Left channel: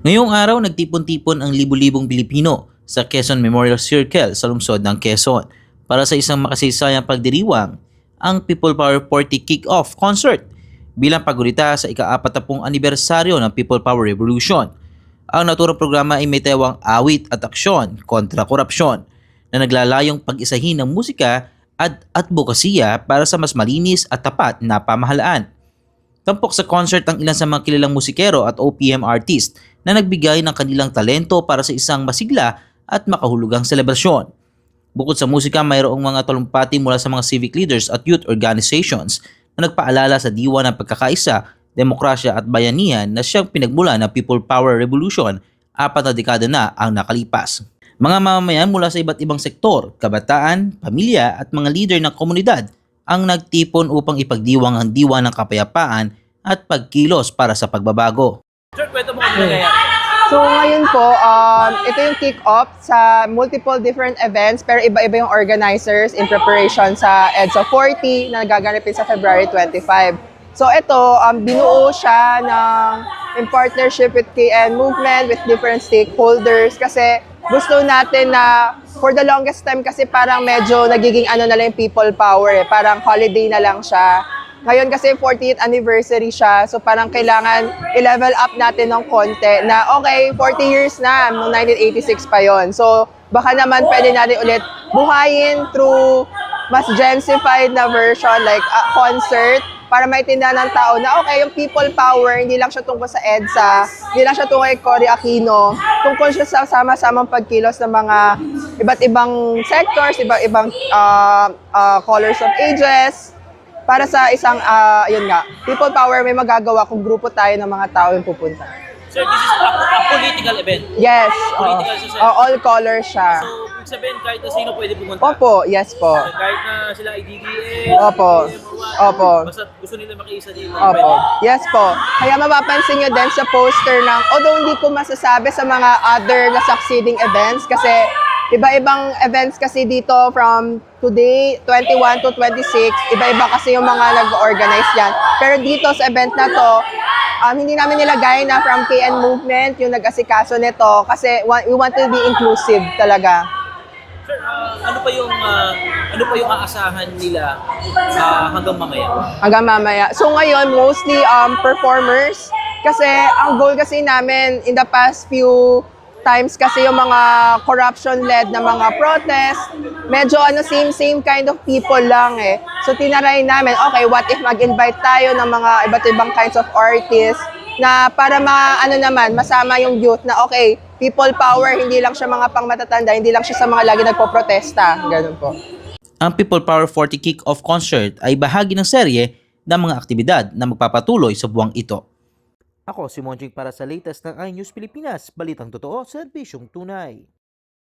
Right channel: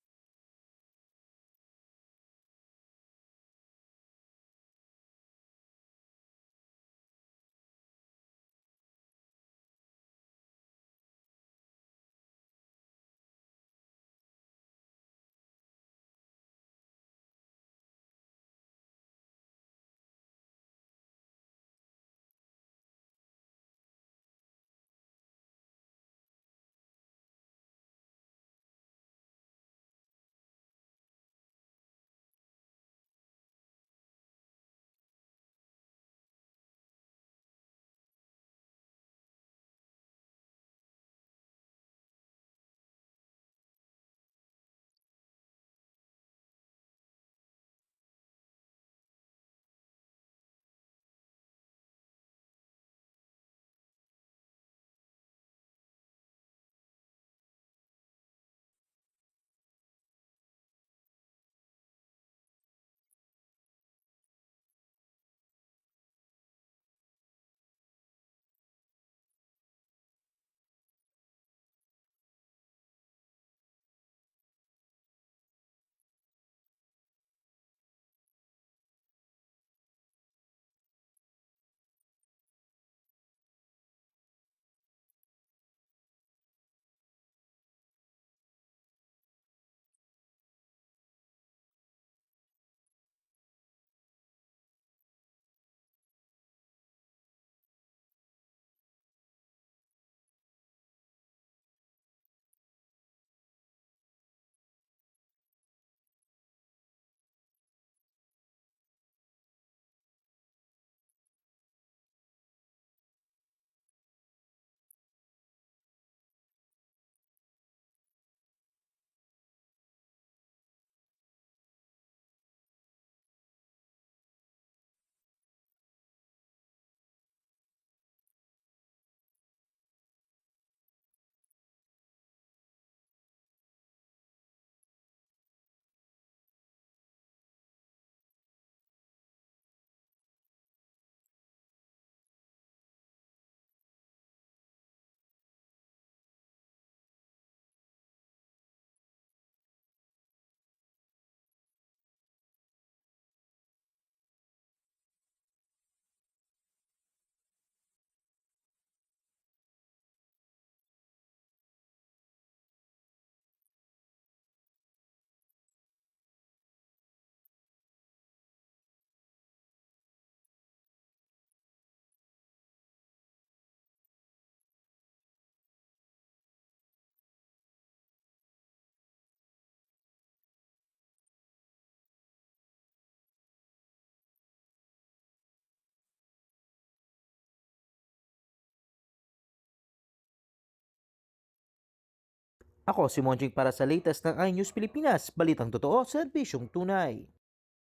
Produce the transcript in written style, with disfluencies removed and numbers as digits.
Ngayong araw, nagtipon-tipon ang libu-libong Pilipino sa Quezon Memorial Circle sa lungsod ng Quezon para sa isang makasaysayang pagdiriwang, ang People Power 40 Kick-Off Concert bilang pagulita sa ika-40 anibersaryo ng People Power Revolution. Ang naturang programa ay may tewang awit at aksyon kontra korupsyon na naglalayong pag-isahin ng musika at advokasya para sa mas malinis at tapat na pamahalaan. Tampok sa concert ang ilan sa mga kilalang musikero at OPM artist na nagbigay ng kanilang talento para sa isang masigla at makahulugang selebrasyon. Bukod sa musika, mayroong mga talumpati mula sa mga civic leaders at youth organizations na nagpaalala sa diwa ng pagkakaisa, demokrasya at bayanihan na siyang pinagmula ng People Power Revolution 4 na dekada na ang nakalipas. Mga mamamayan mula sa iba't ibang sektor, kabataan, pamilya at mga leader ng komunidad ang nagtipon upang ipagdiwang ang diwa ng kapayapaan at pagkilos para sa pagbabago. Sir, kwento mo kami nangyayari. So ngayon po, ito yung kick-off sa multiple different events pero iba-iba yung organizers in preparation sa EDSA 40 na nagaganapin sa February 25. So ito, binuo siya in partnership with KN Movement, with different stakeholders kasi gusto natin na for the longest time kasi parang medyo nagiging ano na lang yung people power parang holiday na lang siya. Ngayon kasi 40th anniversary siya, so parang kailangan i-level up natin ng konti na okay, 40 years na, noong 1986 pa yon. So baka naman pwede natin ulit buhayin through mas gensified na version like a concert para maintindihan ng tao na okay, yung people power, hindi lang siya tungkol sa EDSA, hindi lang siya tungkol kay Cory Aquino, tungkol siya sa sama-samang pagkilos ng mga iba't ibang sectors, iba't ibang colors of ages, para sa isang, yun nga, people power, may magagawa kung grupo tayo ng mga tao yung pupunta. Sir, this is a political event. Yes, Political siya, sir. all colors siya. So, ibig sabihin kahit na sino pwede pumunta. Opo, yes po. Kahit na sila ay DDS, Opo. PM or what, Opo. basta gusto nila makiisa dito. Opo. Yes po. Kaya mapapansin nyo din sa poster ng, although hindi ko masasabi sa mga other na succeeding events kasi iba-ibang events kasi dito from today, 21 to 26, iba-iba kasi yung mga nag-organize yan. Pero dito sa event na to, hindi namin nilagay na from KN Movement yung nag-asikaso nito kasi we want to be inclusive talaga. Sir, ano pa yung aasahan nila hanggang mamaya? Hanggang mamaya. So ngayon, mostly performers. Kasi ang goal kasi namin in the past few times kasi yung mga corruption-led na mga protest, medyo same kind of people lang eh. So tinaray namin, okay, what if mag-invite tayo ng mga iba't ibang kinds of artists na para masama yung youth na okay, people power, hindi lang siya mga pangmatatanda, hindi lang siya sa mga lagi nagpo-protesta. Ganun po. Ang People Power 40 Kick-Off Concert ay bahagi ng serye ng mga aktibidad na magpapatuloy sa buwang ito. Ako si Monjing para sa latest ng iNews Pilipinas, balitang totoo, serbisyong tunay.